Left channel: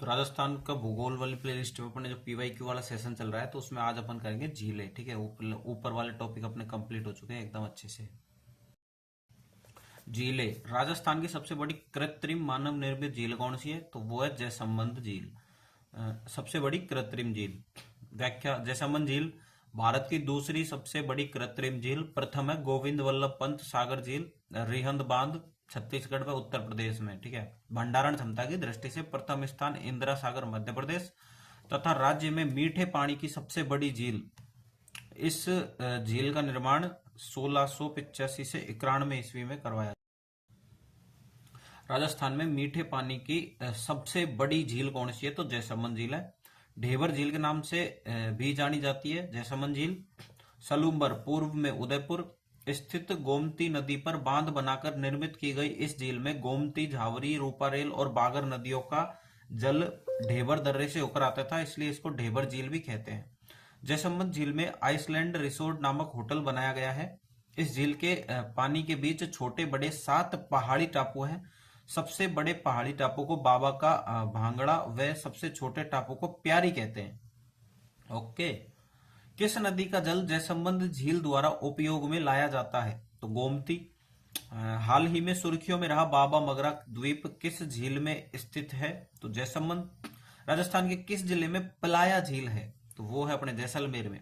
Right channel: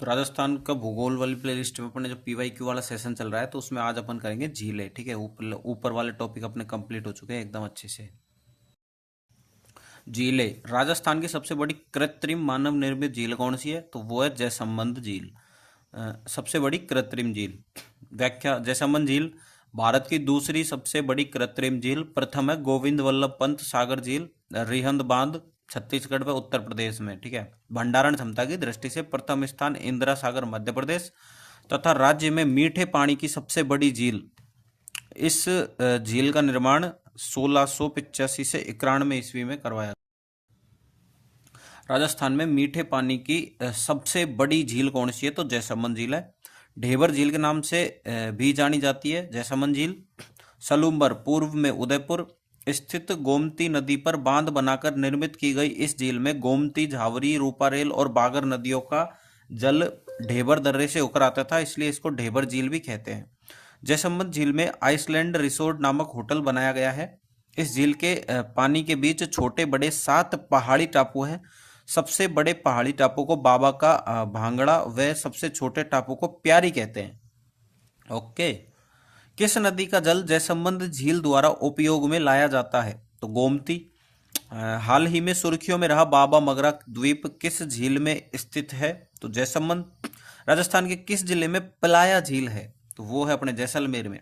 तो राजस्थान का भूगोल वाली प्लेलिस्ट में अपने जो PYQ वाला सेशन चल रहा है, तो उसमें आज अपन करेंगे झीलें। ठीक है, ऊपर ऊपर वाले टॉपिक अपने कंप्लीट हो चुके हैं एकदम अच्छे से। झीलें, राजस्थान की सबसे बड़ी कृत्रिम मानव निर्मित झील कौन सी है? तो वो है जयसंबंध झील। सबसे बड़ी कृत्रिम झील। व्याख्या: जयसंबंध झील भारत की दूसरी सबसे बड़ी कृत्रिम झील। प्रथम है गोविंद वल्लभ पंत सागर झील, रिहंद बांध, छत्तीसगढ़ व उत्तर प्रदेश में। ठीक है। भंडारण क्षमता की दृष्टि से प्रथम स्थान इंदिरा सागर मध्य प्रदेश, तथा राज्य में मीठे पानी की सबसे बड़ी झील। इस झील का निर्माण 1685 से 91 ईस्वी में करवाया। राजस्थान में मीठे पानी की सबसे बड़ी झील कौन सी है? तो जयसंबंध झील है। ढेबर झील के नाम से भी जानी जाती है जयसंबंध झील। सलूम्बर पूर्व में उदयपुर स्थित गोमती नदी पर बांध बनाकर निर्मित की गई इस झील में गोमती, झावरी, रूपारेल और बागर नदियों का जल ढेबर दर्रे से होकर आता था, इसलिए इसको ढेबर झील भी कहते हैं। जयसंबंध झील में आइसलैंड रिसोर्ट नामक होटल बनाया गया है। इस झील के पानी के बीच छोटे बड़े 7 पहाड़ी टापू हैं। सबसे बड़े पहाड़ी टापू को बाबा का भांगड़ा व सबसे छोटे टापू को प्यारी कहते हैं। ओके। किस नदी का जल जयसंबंध झील द्वारा उपयोग में लाया जाता है? तो गोमती। हाल ही में सुर्खियों में रहा बाबा मगरा द्वीप किस झील में स्थित है? तो जयसंबंध। राजस्थान के किस जिले में पलाया झील है? तो वो है अपने जैसलमेर में।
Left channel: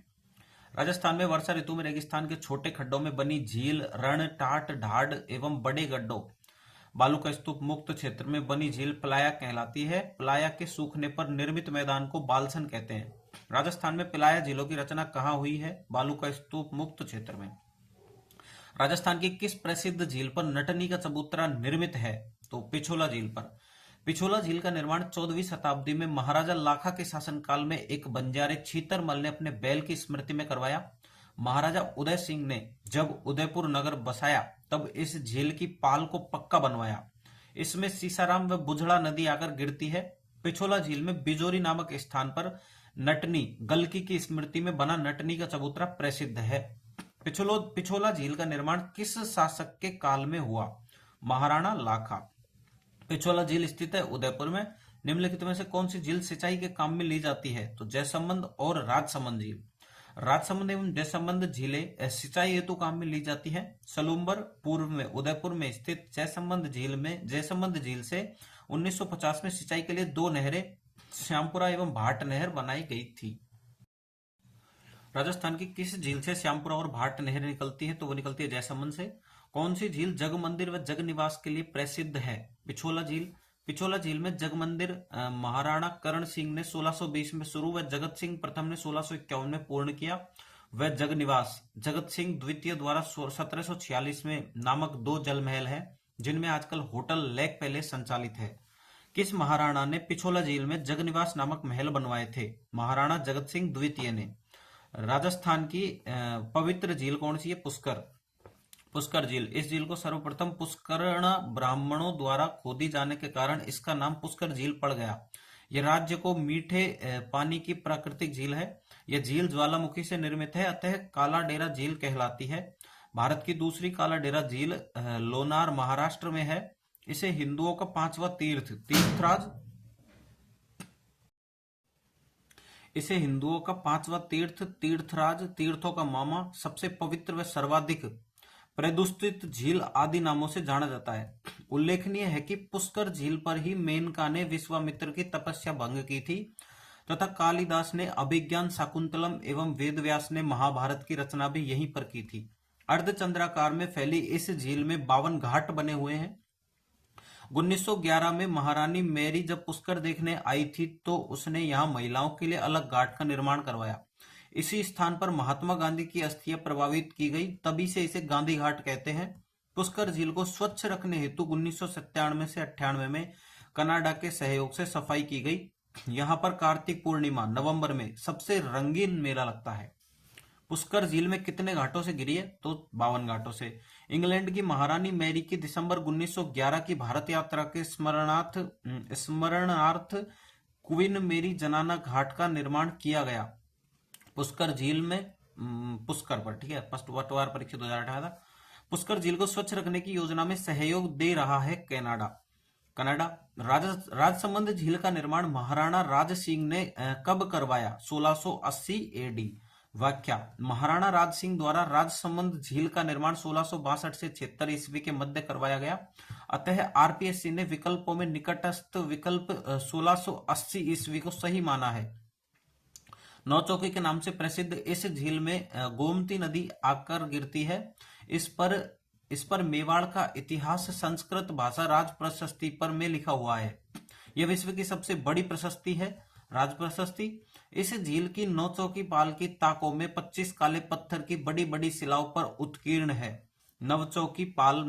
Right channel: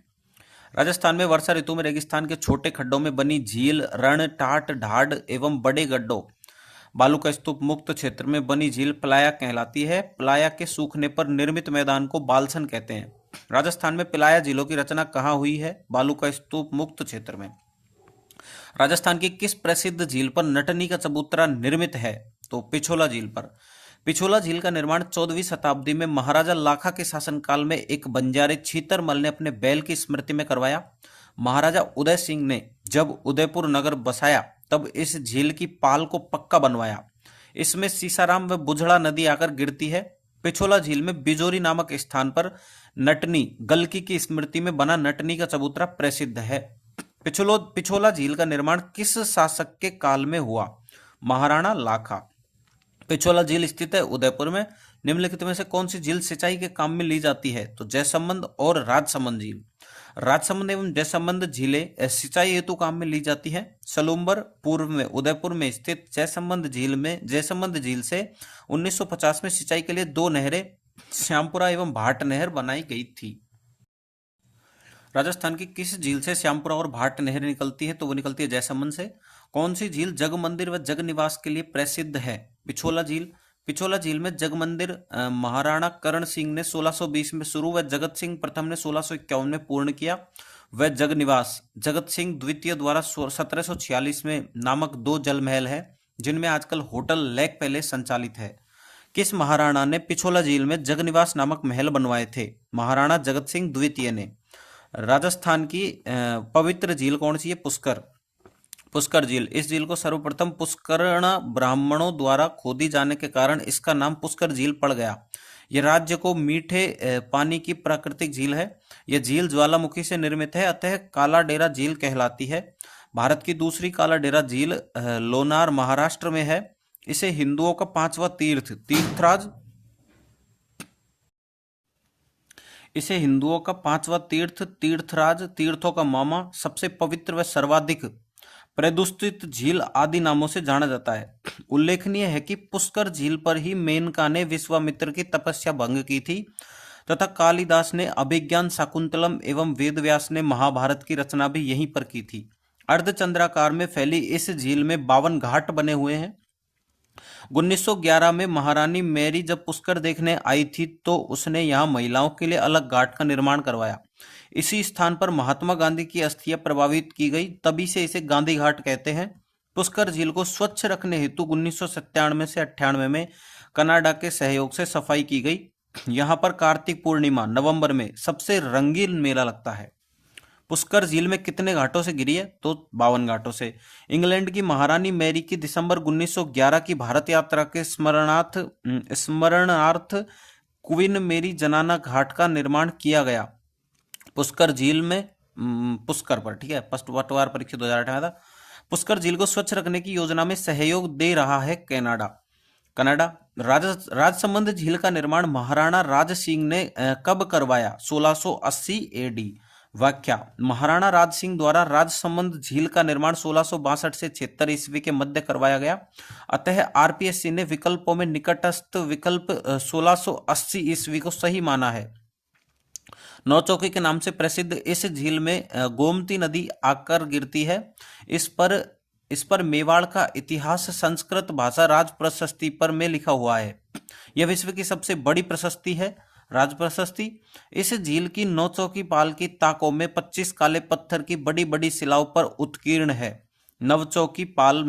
राजस्थान में वर्षा ऋतु में रेगिस्तान के छोटे खड्डों में बनी झील रण, टाट, ढाड एवं बड़े गड्ढों बालू का स्तूप मुक्त क्षेत्र में बनी झील पलाया कहलाती है। पलाया के सूखने पर निर्मित मैदान को बालसन कहते हैं। राजस्थान में पलाया झीलों की रचना कहाँ हुई है? बालू का स्तूप मुक्त क्षेत्र में। राजस्थान की किस प्रसिद्ध झील पर नटनी का चबूतरा निर्मित है? तो पिछोला झील पर। पिछोला झील का निर्माण 14वीं शताब्दी में महाराजा लाखा के शासनकाल में एक बंजारे छीतरमल ने अपने बैल की स्मृति में करवाया। महाराजा उदय सिंह ने जब उदयपुर नगर बसाया तब इस झील की पाल को पक्का बनवाया। इसमें सीसाराम व बुझड़ा नदी आकर गिरती है। पिछोला झील में बिजोरी नामक स्थान पर नटनी गलकी की स्मृति में बना नटनी का चबूतरा प्रसिद्ध है। पिछोला झील का निर्माण किस शासक के काल में हुआ? महाराणा लाखा। पिछोला झील स्थित है उदयपुर में। निम्नलिखित में से कौन सी झील सिंचाई के काम में ली जाती है? तो जयसंबंध और राजसमंद झील। राजसमंद एवं जयसंबंध झीलें सिंचाई हेतु काम में ली जाती है। सलूम्बर पूर्व में उदयपुर में स्थित जयसंबंध झील से 1950 में सिंचाई के लिए 2 नहरें श्यामपुरा एवं भाट नहर बनाई गई थी। राजस्थान की किस झील से श्यामपुरा और भाट नहर निकलती है? तो वो निकलती है जयसंबंध से। कौन सी झील जग मंदिर व जग निवास के लिए प्रसिद्ध है? पिछोला झील। पिछोला झील में जग मंदिर महाराणा करण सिंह ने 1620 में शुरू व जगत सिंह प्रथम ने 1651 में पूर्ण किया। वह जग निवास जगत सिंह द्वितीय द्वारा 1746 में नामक 2 जल महल है, जिनमें आजकल होटल लेक पैलेस संचालित है। किस महाराणा ने पिछोला झील में जग निवास नामक महल बनवाए थे? महाराणा जगत सिंह द्वितीय ने। राजस्थान की पवित्र झील कौन सी है? पुष्कर। पुष्कर झील। इस झील को सर्वप्रथम पुष्करण ब्राह्मणों द्वारा खोदी जाने के कारण इसका नाम पुष्कर झील पड़ गया। यह राज्य को मीठे पानी की प्राकृतिक झील है। यह झील ज्वालामुखी से निर्मित है, अतः काला डेरा झील कहलाती है। भारत की दूसरी काला डेरा झील लोनार महाराष्ट्र में है। इसे हिंदुओं का 5वां तीर्थराज इसे हिंदुओं का 5वां तीर्थराज, तीर्थों का मामा, सबसे पवित्र व सर्वाधिक प्रदुषित झील आदि नामों से जाना जाता है। उल्लेखनीय है कि पुष्कर झील पर ही मेनका ने विश्वामित्र की तपस्या भंग की थी, तथा कालिदास ने अभिज्ञान शाकुंतलम एवं वेदव्यास ने महाभारत की रचना भी यहीं पर की थी। अर्धचंद्राकार में फैली इस झील में 52 घाट बने हुए हैं। 1911 में महारानी मैरी जब पुष्कर देखने आई थी तो उसने यहाँ महिलाओं के लिए अलग घाट का निर्माण करवाया। इसी स्थान पर महात्मा गांधी की अस्थियां प्रवाहित की गई, तभी से इसे गांधी घाट कहते हैं। पुष्कर झील को स्वच्छ रखने हेतु 1997 से 98 में कनाडा के सहयोग से सफाई की गई। यहाँ पर कार्तिक पूर्णिमा नवंबर में सबसे रंगीन मेला लगता है। पुष्कर झील में कितने घाटों से घिरी है? तो 52 घाटों से। इंग्लैंड की महारानी मैरी की दिसंबर 1911 की भारत यात्रा के स्मरणार्थ क्वीन मेरी जनाना घाट का निर्माण किया गया पुष्कर झील में। पुष्कर पर, ठीक है, पटवार परीक्षा 2008 में था। पुष्कर झील को स्वच्छ रखने की योजना में सहयोग दे रहा है कनाडा। कनाडा। राजसमंद झील का निर्माण महाराणा राज सिंह ने कब करवाया? 1680 एडी। व्याख्या, महाराणा राज सिंह द्वारा राजसमंद झील का निर्माण 1662 से 76 ईस्वी के मध्य करवाया गया। अतः आरपीएससी ने विकल्पों में निकटस्थ विकल्प 1680 ईस्वी को सही माना है। नौचौकी के नाम से प्रसिद्ध इस झील में गोमती नदी आकर गिरती है। इस पर मेवाड़ का इतिहास संस्कृत भाषा राज प्रशस्ति पर में लिखा हुआ है। यह विश्व की सबसे बड़ी प्रशस्ति है, राज प्रशस्ति। इस झील की नौचौकी पाल की ताकों में 25 काले पत्थर की बड़ी बड़ी शिलाओं पर उत्कीर्ण है। नवचौकी पाल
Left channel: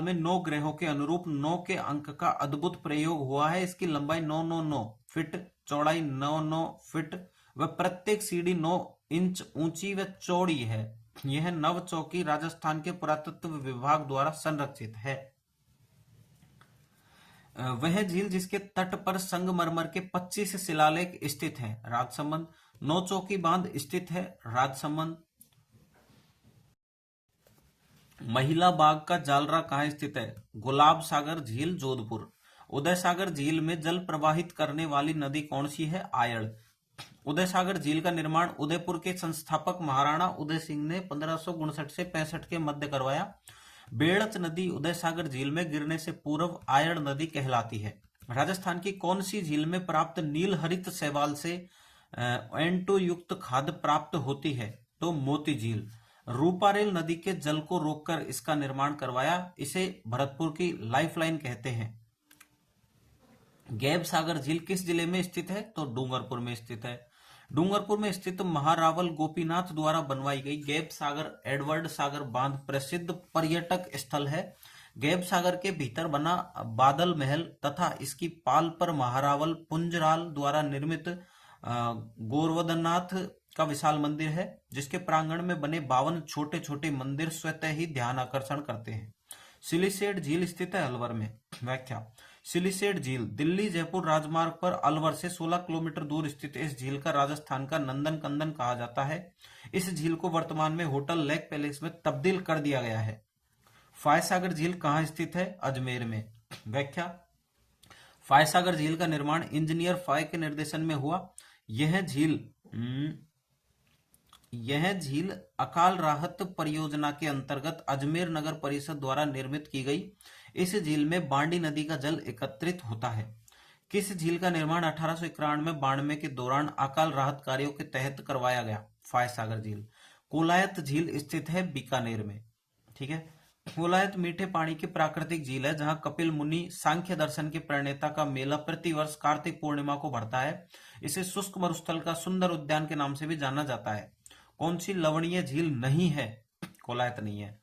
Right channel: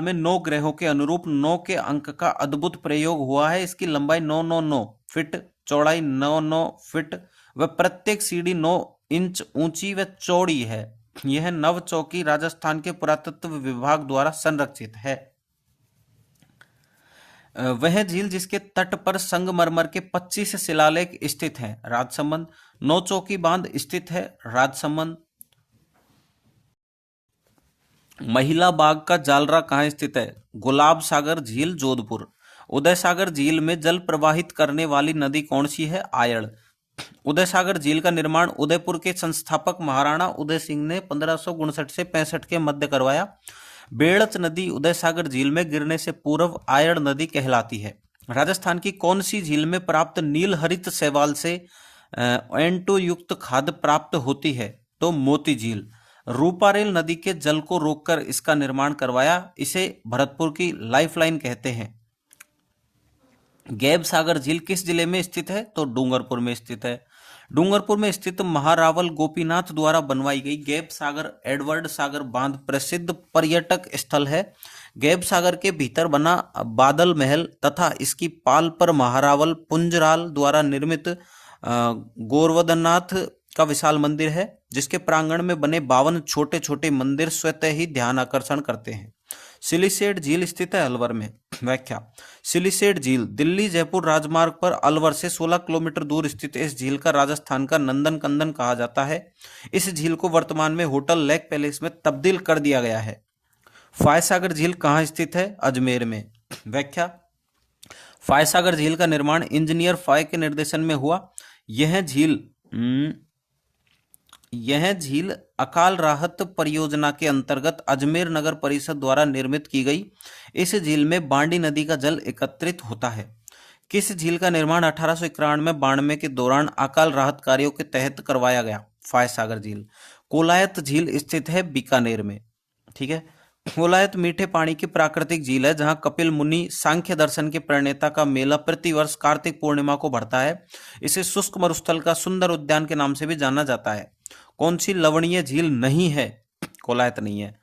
में 9 ग्रहों के अनुरूप 9 के अंक का अद्भुत प्रयोग हुआ है। इसकी लंबाई 999 फीट, चौड़ाई 99 फीट व प्रत्येक सीढ़ी 9 इंच ऊंची व चौड़ी है। यह नवचौकी राजस्थान के पुरातत्व विभाग द्वारा संरक्षित है। वह झील जिसके तट पर संगमरमर के 25 शिलालेख स्थित हैं, राजसमंद। नौचौकी बांध स्थित है, राजसमंद। महिला बाग का जालरा कहाँ स्थित है? गुलाब सागर झील, जोधपुर। उदय सागर झील में जल प्रवाहित करने वाली नदी कौन सी है? आयड़। उदय सागर झील का निर्माण उदयपुर के संस्थापक महाराणा उदय सिंह ने 1559 से 65 के मध्य करवाया। बेड़च नदी उदय सागर झील में गिरने से पूर्व आयड़ नदी कहलाती है। राजस्थान की कौन सी झील में प्राप्त नील हरित शैवाल से N2 युक्त खाद प्राप्त होती है? तो मोती झील। रूपारेल नदी के जल को रोककर इसका निर्माण करवाया। इसे भरतपुर की लाइफलाइन कहते हैं। गैब सागर झील किस जिले में स्थित है? तो डूंगरपुर में स्थित है। डूंगरपुर में स्थित महारावल गोपीनाथ द्वारा बनवाई गई गैब सागर एडवर्ड सागर बांध प्रसिद्ध पर्यटक स्थल है। गैब सागर के भीतर बना बादल महल तथा इसकी पाल पर महारावल पुंजराल द्वारा निर्मित गोवर्धननाथ का विशाल मंदिर है, जिसके प्रांगण में बने 52 छोटे छोटे मंदिर स्वतः ही ध्यान आकर्षण करते हैं। सिलीसेट झील स्थित है अलवर में। व्याख्या, सिलीसेट झील दिल्ली जयपुर राजमार्ग पर अलवर से 16 किलोमीटर दूर स्थित इस झील का राजस्थान का नंदन कंदन कहा जाता है। इस झील को वर्तमान में होटल लेक पैलेस में तब्दील कर दिया गया है। फायसागर झील कहाँ स्थित है? अजमेर में। व्याख्या, फायसागर झील का निर्माण इंजीनियर फाय के निर्देशन में हुआ। यह झील अकाल राहत परियोजना के अंतर्गत अजमेर नगर परिषद द्वारा निर्मित की गई। इस झील में बांडी नदी का जल एकत्रित होता है। किस झील का निर्माण 1891-92 के दौरान अकाल राहत कार्यों के तहत करवाया गया? फायसागर झील। कोलायत झील स्थित है बीकानेर में। ठीक है। कोलायत मीठे पानी की प्राकृतिक झील है, जहां कपिल मुनि सांख्य दर्शन के प्रणेता का मेला प्रतिवर्ष कार्तिक पूर्णिमा को भरता है। इसे शुष्क मरुस्थल का सुंदर उद्यान के नाम से भी जाना जाता है। कौन सी लवणीय झील नहीं है? कोलायत नहीं है।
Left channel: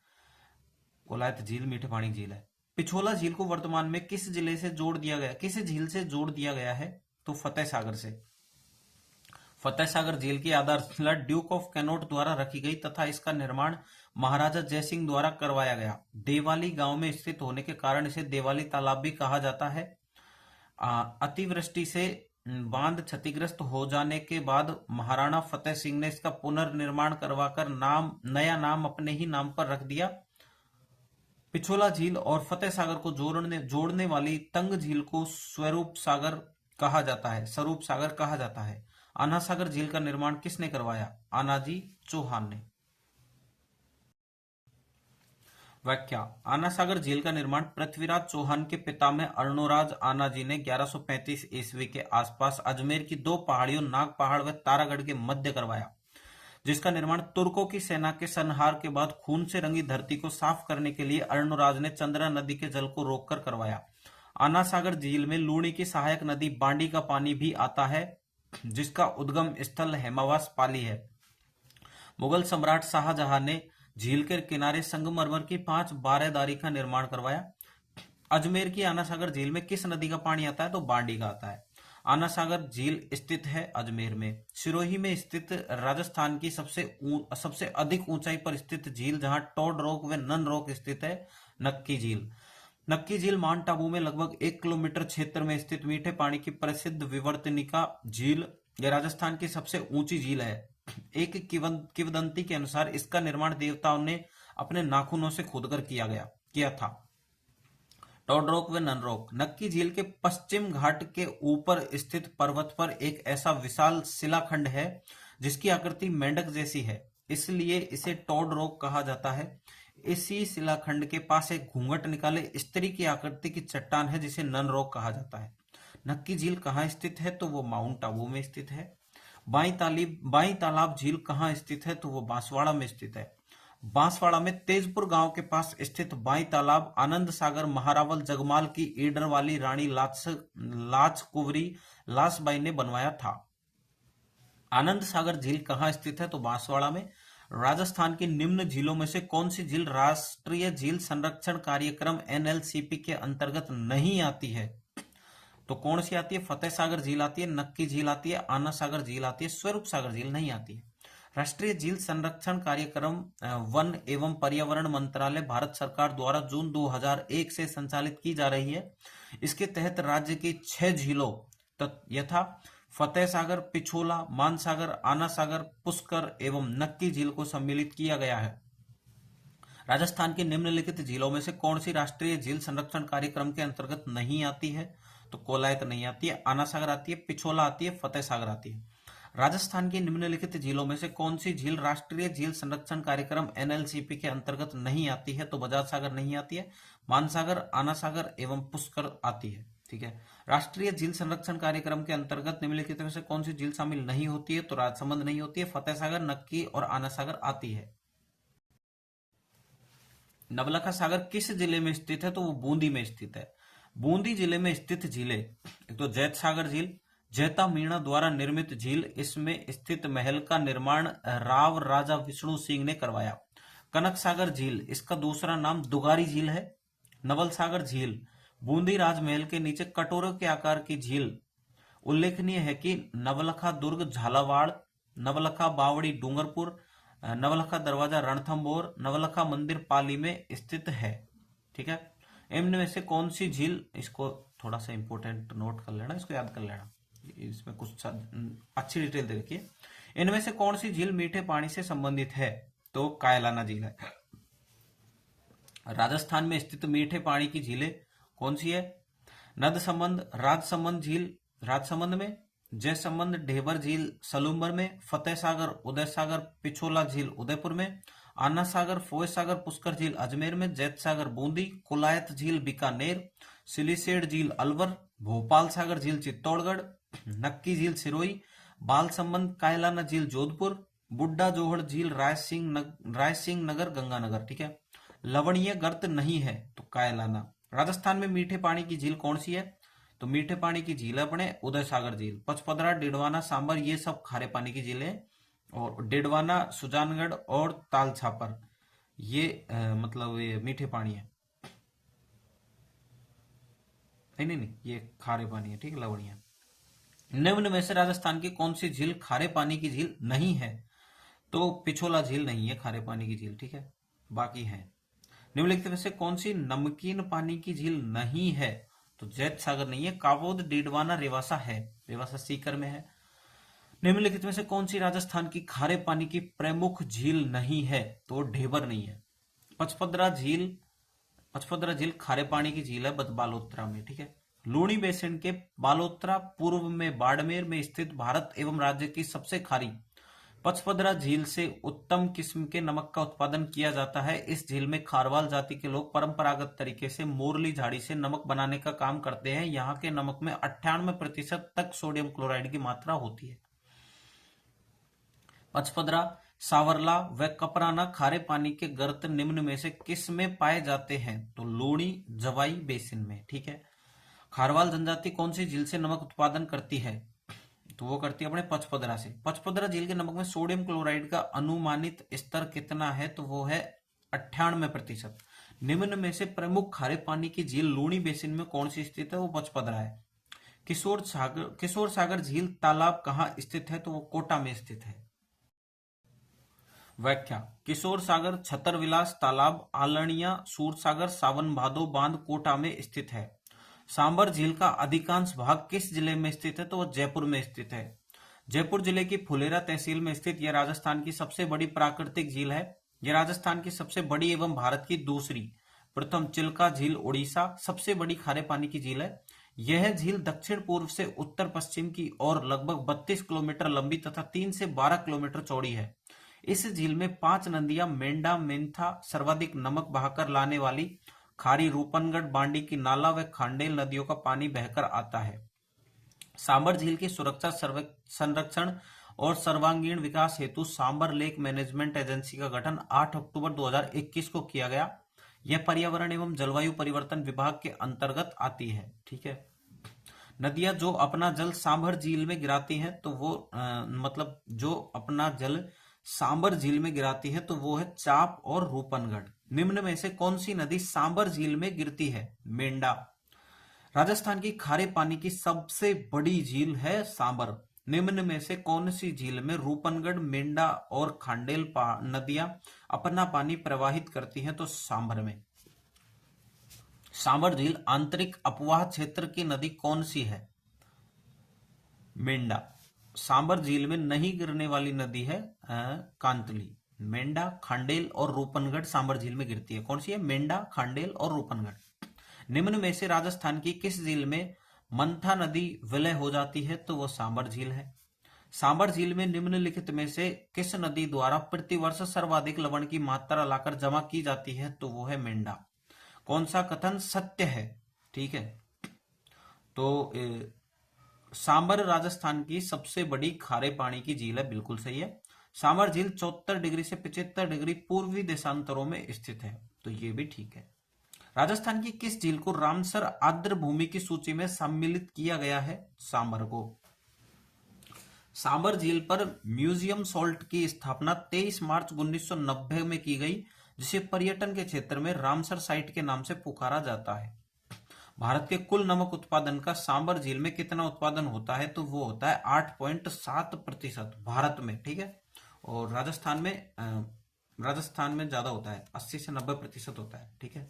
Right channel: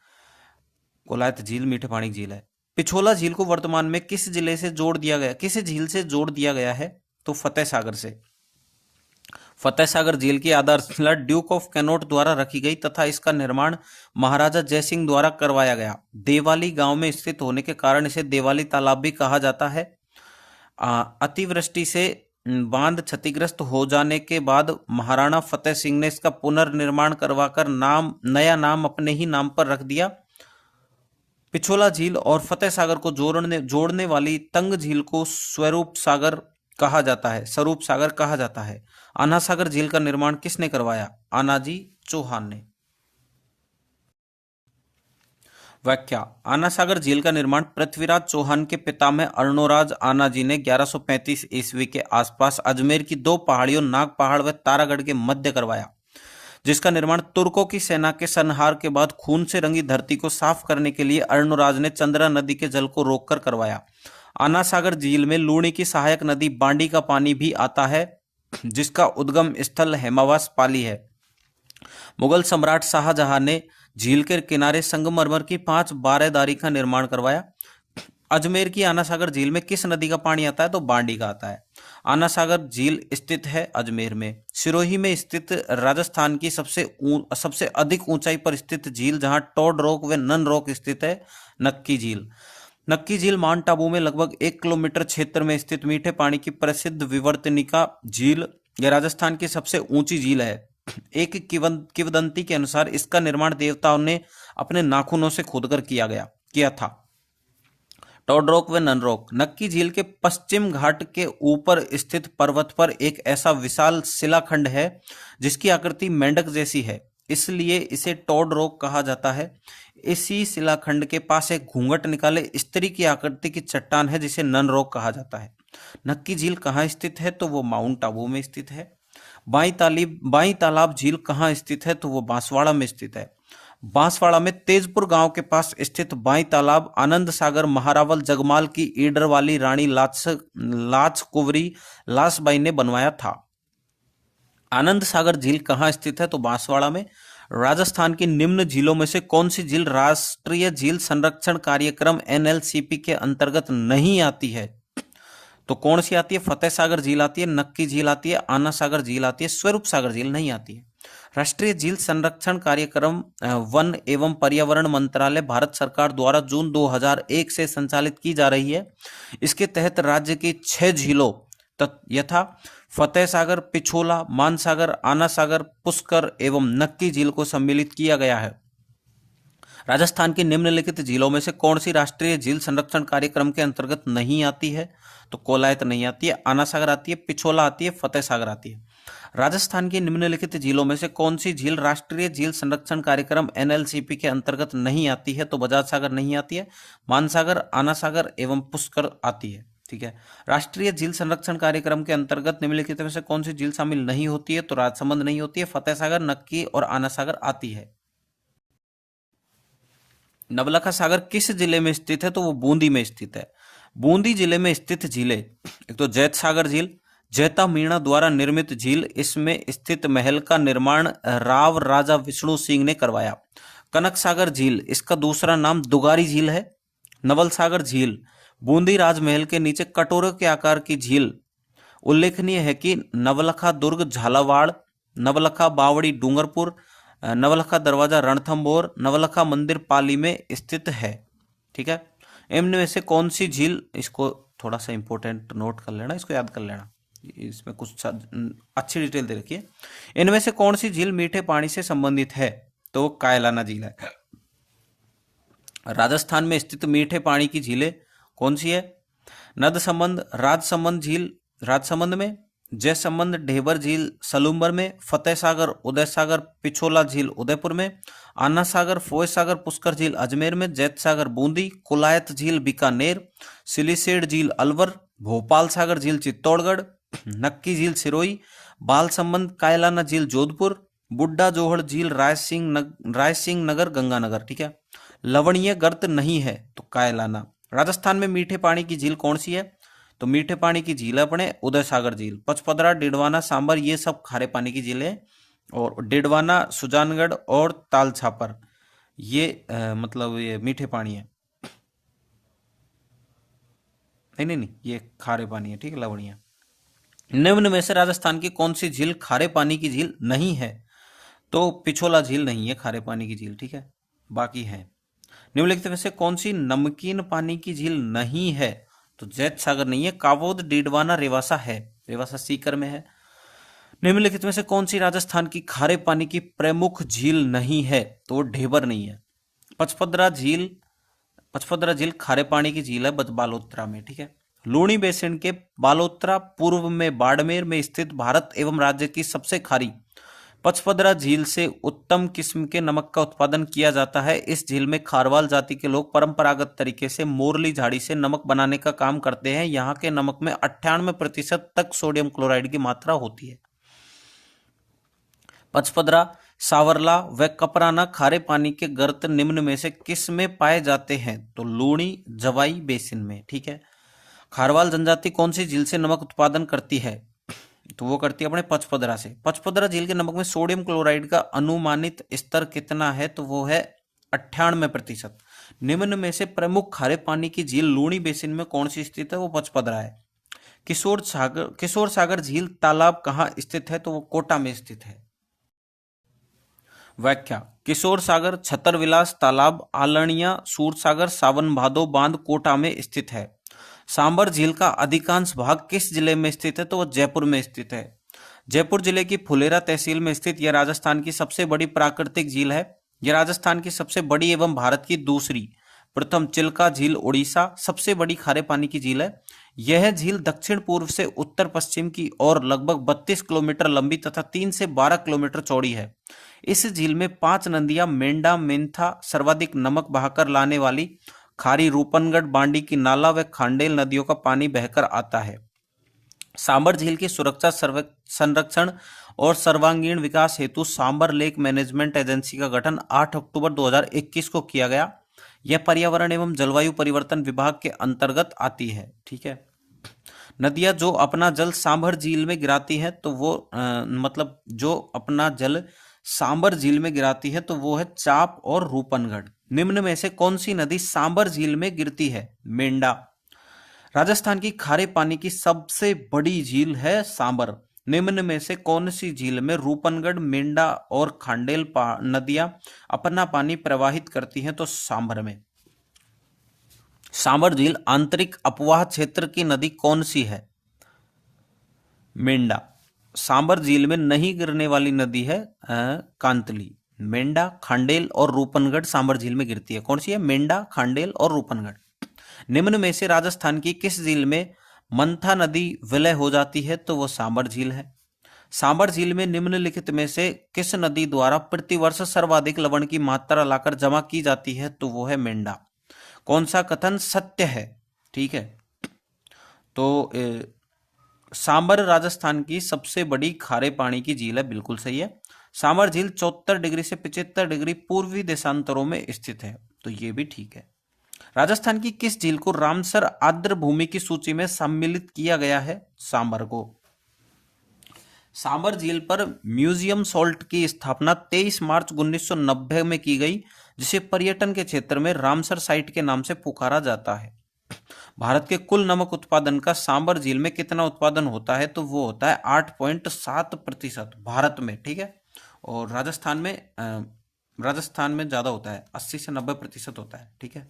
कोलायत झील मीठे पानी झील है। पिछोला झील को वर्तमान में किस जिले से जोड़ दिया गया, किस झील से जोड़ दिया गया है? तो फतेह सागर से। फतेह सागर झील की आधारशिला ड्यूक ऑफ कैनोट द्वारा रखी गई तथा इसका निर्माण महाराजा जयसिंह द्वारा करवाया गया। देवाली गांव में स्थित होने के कारण इसे देवाली तालाब भी कहा जाता है। अतिवृष्टि से बांध क्षतिग्रस्त हो जाने के बाद महाराणा फतेह सिंह ने इसका पुनर्निर्माण करवाकर नया नाम अपने ही नाम पर रख दिया। पिछोला झील और फतेह सागर को जोड़ने वाली तंग झील को स्वरूप सागर कहा जाता है। आना सागर झील का निर्माण किसने करवाया? आनाजी चौहान ने। व्याख्या, आना सागर झील का निर्माण पृथ्वीराज चौहान के पितामह अर्णोराज आनाजी ने 1135 ईस्वी के आसपास अजमेर की 2 पहाड़ियों नाग पहाड़ व तारागढ़ के मध्य करवाया, जिसका निर्माण तुर्कों की सेना के संहार के बाद खून से रंगी धरती को साफ करने के लिए अर्णोराज ने चंद्रा नदी के जल को रोककर करवाया। आना सागर झील में लूणी की सहायक नदी बांडी का पानी भी आता है, जिसका उद्गम स्थल हेमावास पाली है। मुगल सम्राट शाहजहां ने झील के किनारे संगमरमर की 5 बारेदारी का निर्माण करवाया। अजमेर की आना सागर झील में किस नदी का पानी आता है? तो बांडी का आता है। आना सागर झील स्थित है अजमेर में। सिरोही में स्थित राजस्थान की सबसे अधिक ऊंचाई पर स्थित झील, जहां टॉड रॉक व नन रॉक स्थित है, नक्की झील। नक्की झील माउंट आबू में लगभग 1 किलोमीटर क्षेत्र में स्थित मीठे पानी की प्रसिद्ध विवर्तनिका झील यह राजस्थान की सबसे ऊंची झील है। एक किंवदंती के अनुसार इसका निर्माण देवताओं ने अपने नाखूनों से खोदकर किया था। टोडरोक व ननरोक। नक्की झील के पश्चिम घाट के ऊपर स्थित पर्वत पर एक ऐसा विशाल शिलाखंड है जिसकी आकृति मेंढक जैसी है, इसलिए इसे टोडरोक कहा जाता है। इसी शिलाखंड के पास एक घूंघट निकाले स्त्री की आकृति की चट्टान है जिसे ननरोक कहा जाता है। नक्की झील कहाँ स्थित है? तो वो माउंट आबू में स्थित है। बाई तालाब झील कहाँ स्थित है? तो वो बांसवाड़ा में स्थित है। बांसवाड़ा में तेजपुर गांव के पास स्थित बाई तालाब आनंद सागर महारावल जगमाल की ईडर वाली रानी लाच कुंवरी लासबाई ने बनवाया था। आनंद सागर झील कहाँ स्थित है? तो बांसवाड़ा में। राजस्थान की निम्न झीलों में से कौन सी झील राष्ट्रीय झील संरक्षण कार्यक्रम एनएलसीपी के अंतर्गत नहीं आती है? तो कौन सी आती है? फतेह सागर झील आती है, नक्की झील आती है, आना सागर झील आती है, स्वरूप सागर झील नहीं आती है। राष्ट्रीय झील संरक्षण कार्यक्रम वन एवं पर्यावरण मंत्रालय भारत सरकार द्वारा जून 2001 से संचालित की जा रही है। इसके तहत राज्य की 6 झीलों यथा फतेह सागर, पिछोला, मानसागर, आना सागर, पुष्कर एवं नक्की झील को सम्मिलित किया गया है। राजस्थान की निम्नलिखित झीलों में से कौन सी राष्ट्रीय झील संरक्षण कार्यक्रम के अंतर्गत नहीं आती है? तो कोलायत नहीं आती है, आना सागर आती है, पिछोला आती है, फतेह सागर आती है। राजस्थान की निम्नलिखित झीलों में से कौन सी झील राष्ट्रीय झील संरक्षण कार्यक्रम एनएलसीपी के अंतर्गत नहीं आती है? तो बजाज सागर नहीं आती है, मानसागर, आना सागर एवं पुष्कर आती है। ठीक है। राष्ट्रीय झील संरक्षण कार्यक्रम के अंतर्गत निम्नलिखित में से कौन सी झील शामिल नहीं होती है? तो राजसमंद नहीं होती है, फतेह सागर, नक्की और आना सागर आती है। नवलखा सागर किस जिले में स्थित है? तो वो बूंदी में स्थित है। बूंदी जिले में स्थित झीलें, एक तो जैत सागर झील, जैता मीणा द्वारा निर्मित झील, इसमें स्थित महल का निर्माण राव राजा विष्णु सिंह ने करवाया। कनक सागर झील, इसका दूसरा नाम दुगारी झील है। नवल सागर झील, बूंदी राजमहल के नीचे कटोरे के आकार की झील। उल्लेखनीय है कि नवलखा दुर्ग झालावाड़, नवलखा बावड़ी डूंगरपुर, नवलखा दरवाजा रणथंभौर, नवलखा मंदिर पाली में स्थित है। ठीक है। इनमें में से कौन सी झील, इसको थोड़ा सा इंपॉर्टेंट नोट कर लेना, इसको याद कर लेना, इसमें कुछ अच्छी डिटेल दे रखी है। इनमें से कौन सी झील मीठे पानी से संबंधित है? तो कायलाना झील है। राजस्थान में स्थित मीठे पानी की झीलें कौन सी है? नदसमंद, राजसमंद झील राजसमंद में, जयसमंद ढेबर झील सलूम्बर में, फतेह सागर उदय सागर पिछोला झील उदयपुर में, आना सागर फोय सागर पुष्कर झील अजमेर में, जैत सागर बूंदी, कुलायत झील बीकानेर, सिलीसेड झील अलवर, भोपाल सागर झील चित्तौड़गढ़, नक्की झील सिरोही, बालसमंद कायलाना झील जोधपुर, बुड्ढा जोहड़ झील रायसिंह नगर गंगानगर। ठीक है। लवणीय गर्त नहीं है तो कायलाना। राजस्थान में मीठे पानी की झील कौन सी है? तो मीठे पानी की झील अपने उदय सागर झील, पचपदरा, डिडवाना, सांबर, ये सब खारे पानी की झीलें। और डिडवाना, सुजानगढ़ और ताल छापर ये मतलब ये मीठे पानी है। नहीं, ये खारे पानी है। ठीक है, लवणीय। निम्न में से राजस्थान की कौन सी झील खारे पानी की झील नहीं है? तो पिछोला झील नहीं है खारे पानी की झील। ठीक है, बाकी है। निम्नलिखित में से कौन सी नमकीन पानी की झील नहीं है? तो जैत सागर नहीं है, कावोद, डीडवाना, रेवासा है। रेवासा सीकर में है। निम्नलिखित में से कौन सी राजस्थान की खारे पानी की प्रमुख झील नहीं है? तो वो ढेबर नहीं है। पचपदरा झील खारे पानी की झील है बालोतरा में। ठीक है। लूणी बेसिन के बालोतरा पूर्व में बाड़मेर में स्थित भारत एवं राज्य की सबसे खारी पचपदरा झील से उत्तम किस्म के नमक का उत्पादन किया जाता है। इस झील में खारवाल जाति के लोग परंपरागत तरीके से मोरली झाड़ी से नमक बनाने का काम करते हैं। यहाँ के नमक में 98% तक सोडियम क्लोराइड की मात्रा होती है। पचपदरा, सावरला व कपराना खारे पानी के गर्त निम्न में से किस में पाए जाते हैं? तो लूणी जवाई बेसिन में। ठीक है। खारवाल जनजाति कौन सी झील से नमक उत्पादन करती है? तो वो करती है अपने पचपदरा से। पचपदरा झील के नमक में सोडियम क्लोराइड का अनुमानित स्तर कितना है? तो वो है 98%। निम्न में से प्रमुख खारे पानी की झील लूणी बेसिन में कौन सी स्थित है? वो पचपदरा है। किशोर सागर झील तालाब कहाँ स्थित है? तो वो कोटा में स्थित है। व्याख्या। किशोर सागर छतरविलास तालाब आलनिया सूरसागर सावन भादो बांध कोटा में स्थित है। सांबर झील का अधिकांश भाग किस जिले में स्थित है? तो वह जयपुर में स्थित है। जयपुर जिले की फुलेरा तहसील में स्थित यह राजस्थान की सबसे बड़ी प्राकृतिक झील है। यह राजस्थान की सबसे बड़ी एवं भारत की दूसरी प्रथम चिल्का झील उड़ीसा सबसे बड़ी खारे पानी की झील है। यह झील दक्षिण पूर्व से उत्तर पश्चिम की ओर लगभग 32 किलोमीटर लंबी तथा 3 से 12 किलोमीटर चौड़ी है। इस झील में 5 नदियां मेंढा मेंथा सर्वाधिक नमक बहाकर लाने वाली खारी रूपनगढ़ बांडी की नाला व खांडेल नदियों का पानी बहकर आता है। सांबर झील की सुरक्षा संरक्षण और सर्वांगीण विकास हेतु सांबर लेक मैनेजमेंट एजेंसी का गठन 8 अक्टूबर 2021 को किया गया। यह पर्यावरण एवं जलवायु परिवर्तन विभाग के अंतर्गत आती है। ठीक है। नदियां जो अपना जल सांभर झील में गिराती है तो वो मतलब जो अपना जल सांबर झील में गिराती है तो वो है चाप और रूपनगढ़। निम्न में से कौन सी नदी सांबर झील में गिरती है? मेंढा। राजस्थान की खारे पानी की सबसे बड़ी झील है सांबर। निम्न में से कौन सी झील में रूपनगढ़ मेंढा और खांडेल नदियां अपना पानी प्रवाहित करती हैं? तो सांबर में। सांबर झील आंतरिक अपवाह क्षेत्र की नदी कौन सी है? मेंढा। सांबर झील में नहीं गिरने वाली नदी है कांतली। मेंढा, खांडेल और रूपनगढ़ सांबर झील में गिरती है। कौन सी है? मेंढा, खांडेल और रूपनगढ़। निम्न में से राजस्थान की किस झील में मंथा नदी विलय हो जाती है? तो वो सांबर झील है। सांबर झील में निम्नलिखित में से किस नदी द्वारा प्रतिवर्ष सर्वाधिक लवण की मात्रा लाकर जमा की जाती है? तो वो है मेंढा। कौन सा कथन सत्य है? ठीक है। तो सांबर राजस्थान की सबसे बड़ी खारे पानी की झील है, बिल्कुल सही है। सांबर झील 74 डिग्री से 75 डिग्री पूर्वी देशांतरों में स्थित है, तो ये भी ठीक है। राजस्थान की किस झील को रामसर आर्द्र भूमि की सूची में सम्मिलित किया गया है? सांबर को। सांबर झील पर म्यूजियम सॉल्ट की स्थापना 23 मार्च 1990 में की गई, जिसे पर्यटन के क्षेत्र में रामसर साइट के नाम से पुकारा जाता है। भारत के कुल नमक उत्पादन का सांबर झील में कितना उत्पादन होता है? तो वो होता है 8.7% भारत में। ठीक है। और राजस्थान में ज्यादा होता है, 80 से 90% होता है। ठीक है।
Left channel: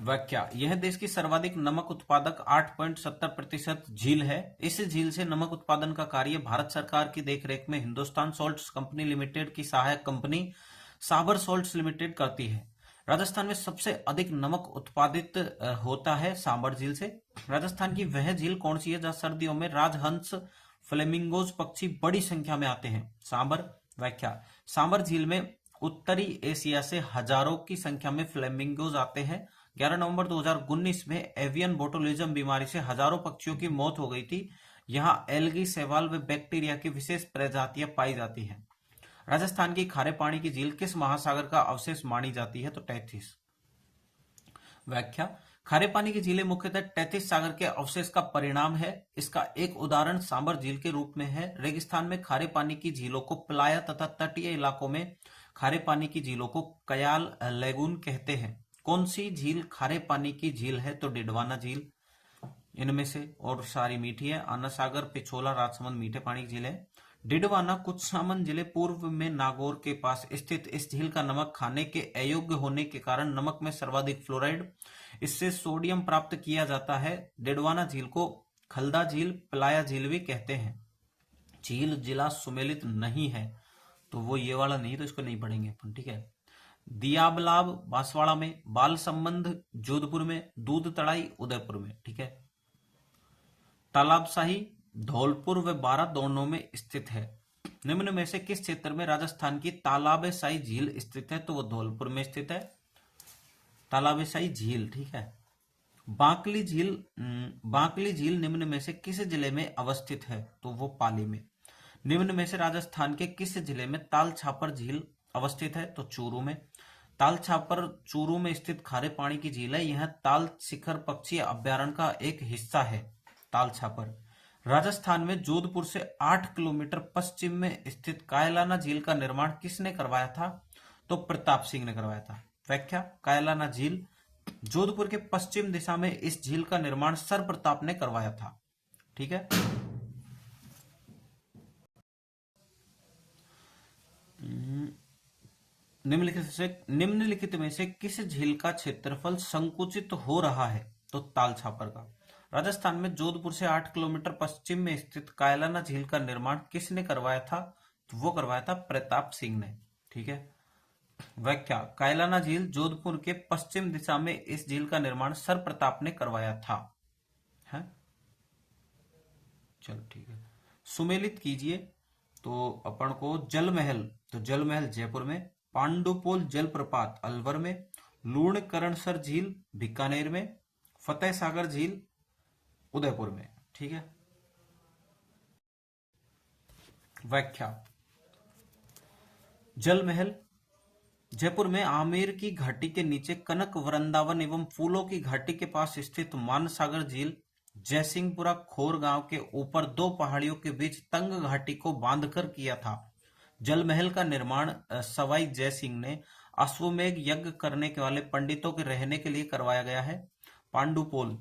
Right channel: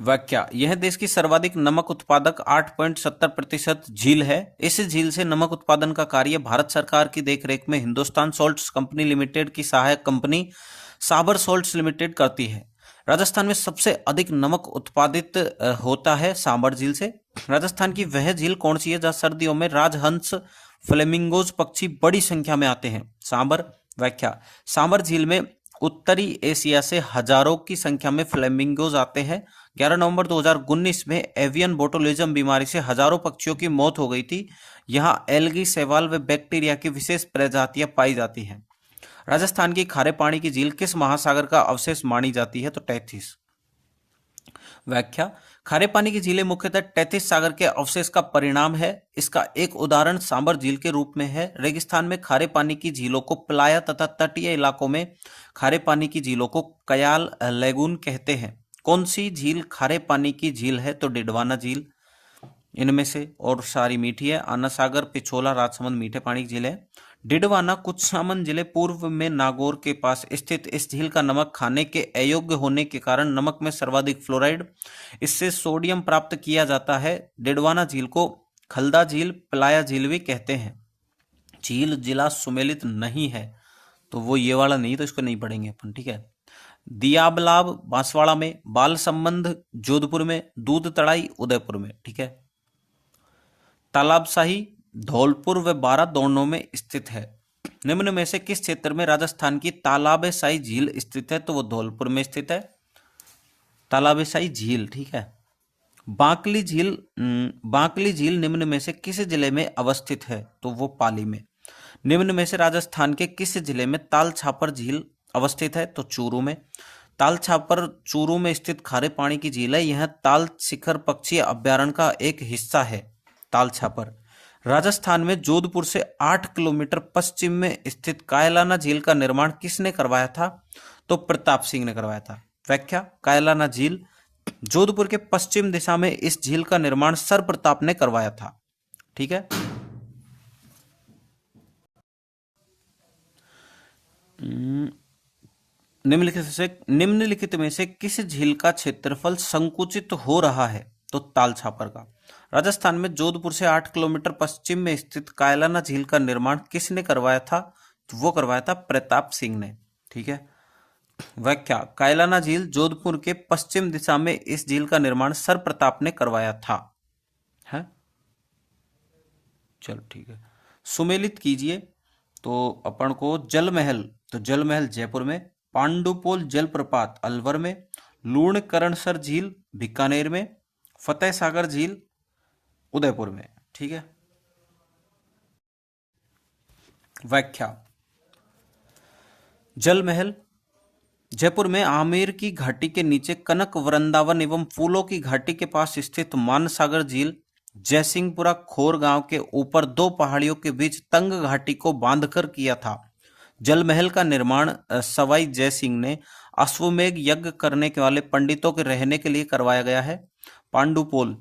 व्याख्या। यह देश की सर्वाधिक नमक उत्पादक 8.70% झील है। इस झील से नमक उत्पादन का कार्य भारत सरकार की देखरेख में हिंदुस्तान सॉल्ट्स कंपनी लिमिटेड की सहायक कंपनी साबर सॉल्ट्स लिमिटेड करती है। राजस्थान में सबसे अधिक नमक उत्पादित होता है सांबर झील से। राजस्थान की वह झील कौन सी है जहाँ सर्दियों में राजहंस फ्लेमिंगोज पक्षी बड़ी संख्या में आते हैं? सांबर। व्याख्या। सांबर झील में उत्तरी एशिया से हजारों की संख्या में फ्लेमिंगोज आते हैं। 11 नवंबर 2019 में एवियन बोटुलिज्म बीमारी से हजारों पक्षियों की मौत हो गई थी। यहाँ एल्गी, शैवाल व बैक्टीरिया की विशेष प्रजातियां पाई जाती हैं। राजस्थान की खारे पानी की झील किस महासागर का अवशेष मानी जाती है? तो टैथिस। व्याख्या। खारे पानी की झीलें मुख्यतः टैथिस सागर के अवशेष का परिणाम है। इसका एक उदाहरण सांबर झील के रूप में है। रेगिस्तान में खारे पानी की झीलों को प्लाया तथा तटीय इलाकों में खारे पानी की झीलों को कयाल लेगून कहते हैं। कौन सी झील खारे पानी की झील है? तो डिडवाना झील। इनमें से और सारी मीठी है। आना सागर, पिछोला, राजसमंद मीठे पानी की झील है। डिडवाना कुछामन जिले पूर्व में नागौर के पास स्थित इस झील का नमक खाने के अयोग्य होने के कारण नमक में सर्वाधिक फ्लोराइड, इससे सोडियम प्राप्त किया जाता है। डिडवाना झील को खलदा झील, प्लाया झील भी कहते हैं। झील जिला सुमेलित नहीं है, तो वो ये वाला नहीं, तो इसको नहीं पढ़ेंगे अपन। ठीक है। दियाबलाब बांसवाड़ा में, बाल संबंध जोधपुर में, दूध तड़ाई उदयपुर में। ठीक है। तालाबशाही धौलपुर व बारा दोनों में स्थित है। निम्न में से किस क्षेत्र में राजस्थान की तालाबशाही झील स्थित है? तो वो धौलपुर में स्थित है, तालाबशाही झील। ठीक है। बांकली झील निम्न में से किस जिले में अवस्थित है? तो वो पाली में। निम्न में से राजस्थान के किस जिले में ताल छापर झील अवस्थित है? तो चूरू में। ताल छापर चूरू में स्थित खारे पानी की झील है। यह ताल शिखर पक्षी अभ्यारण्य का एक हिस्सा है। ताल छापर। राजस्थान में जोधपुर से 8 किलोमीटर पश्चिम में स्थित कायलाना झील का निर्माण किसने करवाया था? तो प्रताप सिंह ने करवाया था। व्याख्या। कायलाना झील जोधपुर के पश्चिम दिशा में इस झील का निर्माण सर प्रताप ने करवाया था। ठीक है। निम्नलिखित में से किस झील का क्षेत्रफल संकुचित हो रहा है? तो ताल छापर का। राजस्थान में जोधपुर से 8 किलोमीटर पश्चिम में स्थित कायलाना झील का निर्माण किसने करवाया था? तो वो करवाया था प्रताप सिंह ने। ठीक है। व्याख्या, कायलाना झील जोधपुर के पश्चिम दिशा में इस झील का निर्माण सर प्रताप ने करवाया था। है, चलो ठीक है। सुमेलित कीजिए। तो अपन को जल महल, तो जल महल जयपुर में, पांडुपोल जलप्रपात अलवर में, लूणकरणसर झील बीकानेर में, फतेह सागर झील उदयपुर में। ठीक है। व्याख्या, जल महल जयपुर में आमेर की घाटी के नीचे कनक वृंदावन एवं फूलों की घाटी के पास स्थित मानसागर झील जयसिंहपुरा खोर गांव के ऊपर दो पहाड़ियों के बीच तंग घाटी को बांधकर किया था। जल महल का निर्माण सवाई जयसिंह ने अश्वमेघ यज्ञ करने के वाले पंडितों के रहने के लिए करवाया गया है। पांडुपोल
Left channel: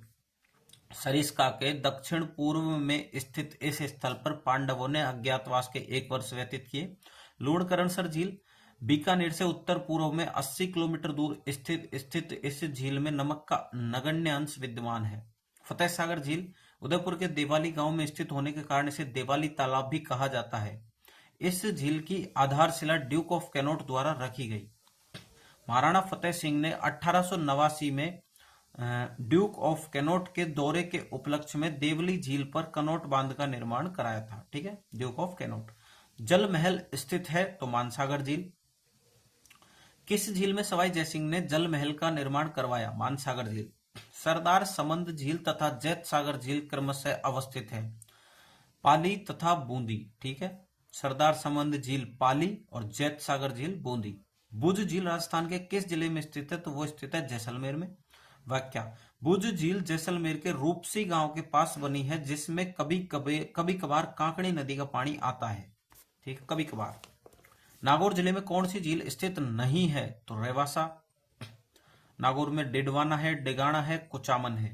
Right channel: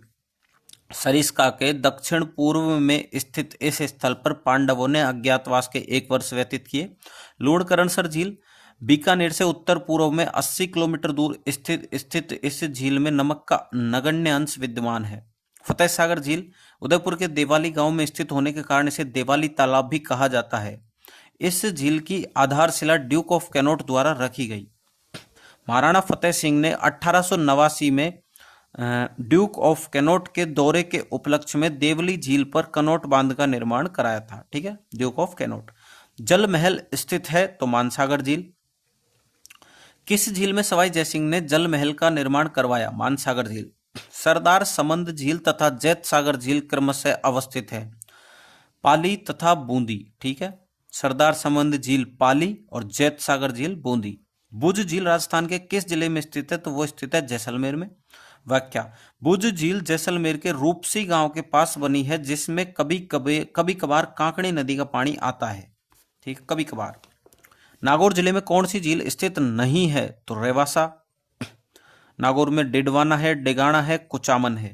सरिस्का के दक्षिण पूर्व में स्थित इस स्थल पर पांडवों ने अज्ञातवास के 1 वर्ष व्यतीत किए। लूणकरणसर झील बीकानेर से उत्तर पूर्व में 80 किलोमीटर दूर स्थित इस झील में नमक का नगण्य अंश विद्यमान है। फतेह सागर झील उदयपुर के देवाली गांव में स्थित होने के कारण इसे देवाली तालाब भी कहा जाता है। इस झील की आधारशिला ड्यूक ऑफ कैनोट द्वारा रखी गई। महाराणा फतेह सिंह ने 1889 में ड्यूक ऑफ कैनोट के दौरे के उपलक्ष्य में देवली झील पर कनोट बांध का निर्माण कराया था। ठीक है, ड्यूक ऑफ कैनोट। जल महल स्थित है तो मानसागर झील। किस झील में सवाई जयसिंह ने जल महल का निर्माण करवाया? मानसागर झील। सरदार समंद झील तथा जैत सागर झील क्रमशः अवस्थित है पाली तथा बूंदी। ठीक है, सरदार समंद झील पाली और जैत सागर झील बूंदी। भुज झील राजस्थान के किस जिले में स्थित है? तो वो स्थित है जैसलमेर में। व्याख्या, भुज झील जैसलमेर के रूपसी गांव के पास बनी है जिसमें कभी कभार कांकड़ी नदी का पानी आता है। ठीक, कभी कभार। नागौर जिले में कौन सी झील स्थित नहीं है? तो रेवासा। नागौर में डिडवाना है, डेगाना है, कुचामन है।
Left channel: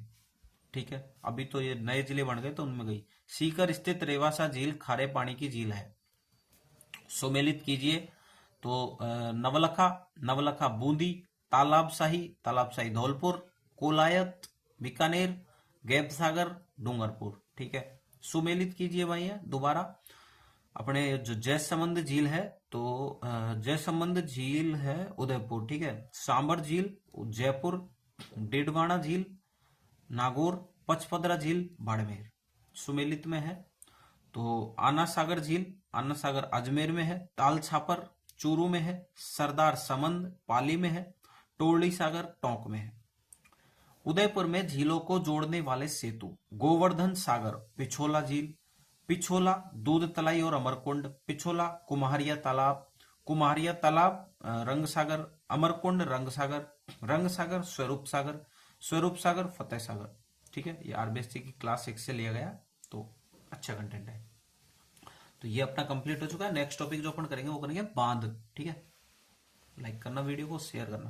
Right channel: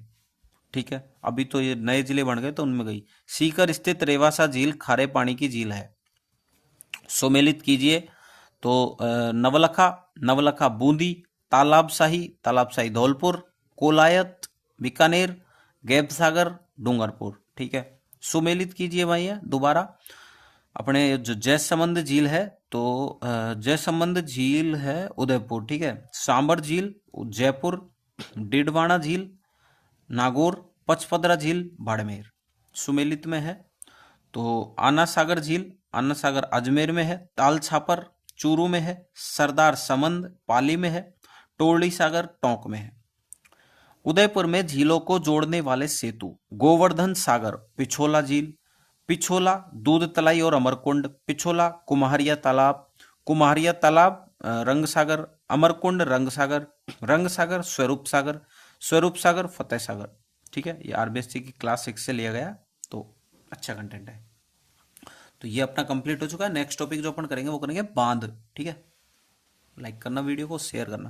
ठीक है, अभी तो ये नए जिले बन गए तो उनमें गई। सीकर स्थित रेवासा झील खारे पानी की झील है। सुमेलित कीजिए। तो नवलखा, नवलखा बूंदी, तालाबशाही धौलपुर, कोलायत बीकानेर, गैबसागर डूंगरपुर। ठीक है, सुमेलित कीजिए भाई दोबारा। अपने जो जयसमंद झील है तो जयसमंद झील है उदयपुर। ठीक है, सांबर झील जयपुर, डिडवाना झील नागौर, पचपदरा झील बाड़मेर। सुमेलित में है तो आना सागर झील, आना सागर अजमेर में है, ताल छापर चूरू में है, सरदार समंद पाली में है, टोरली सागर टोंक में है। उदयपुर में झीलों को जोड़ने वाले सेतु गोवर्धन सागर, पिछोला झील, पिछोला दूध तलाई और अमरकुंड, पिछोला कुम्हारिया तालाब रंगसागर, अमरकुंड रंगसागर स्वरूप सागर फतेह सागर। ठीक है, ये आरबीएससी की क्लास 6 से लिया गया तो अच्छा कंटेंट है। तो ये अपना कंप्लीट हो चुका है। नेक्स्ट टॉपिक जो अपन करेंगे वो करेंगे बांध। ठीक है, लाइक करना वीडियो को, शेयर करना।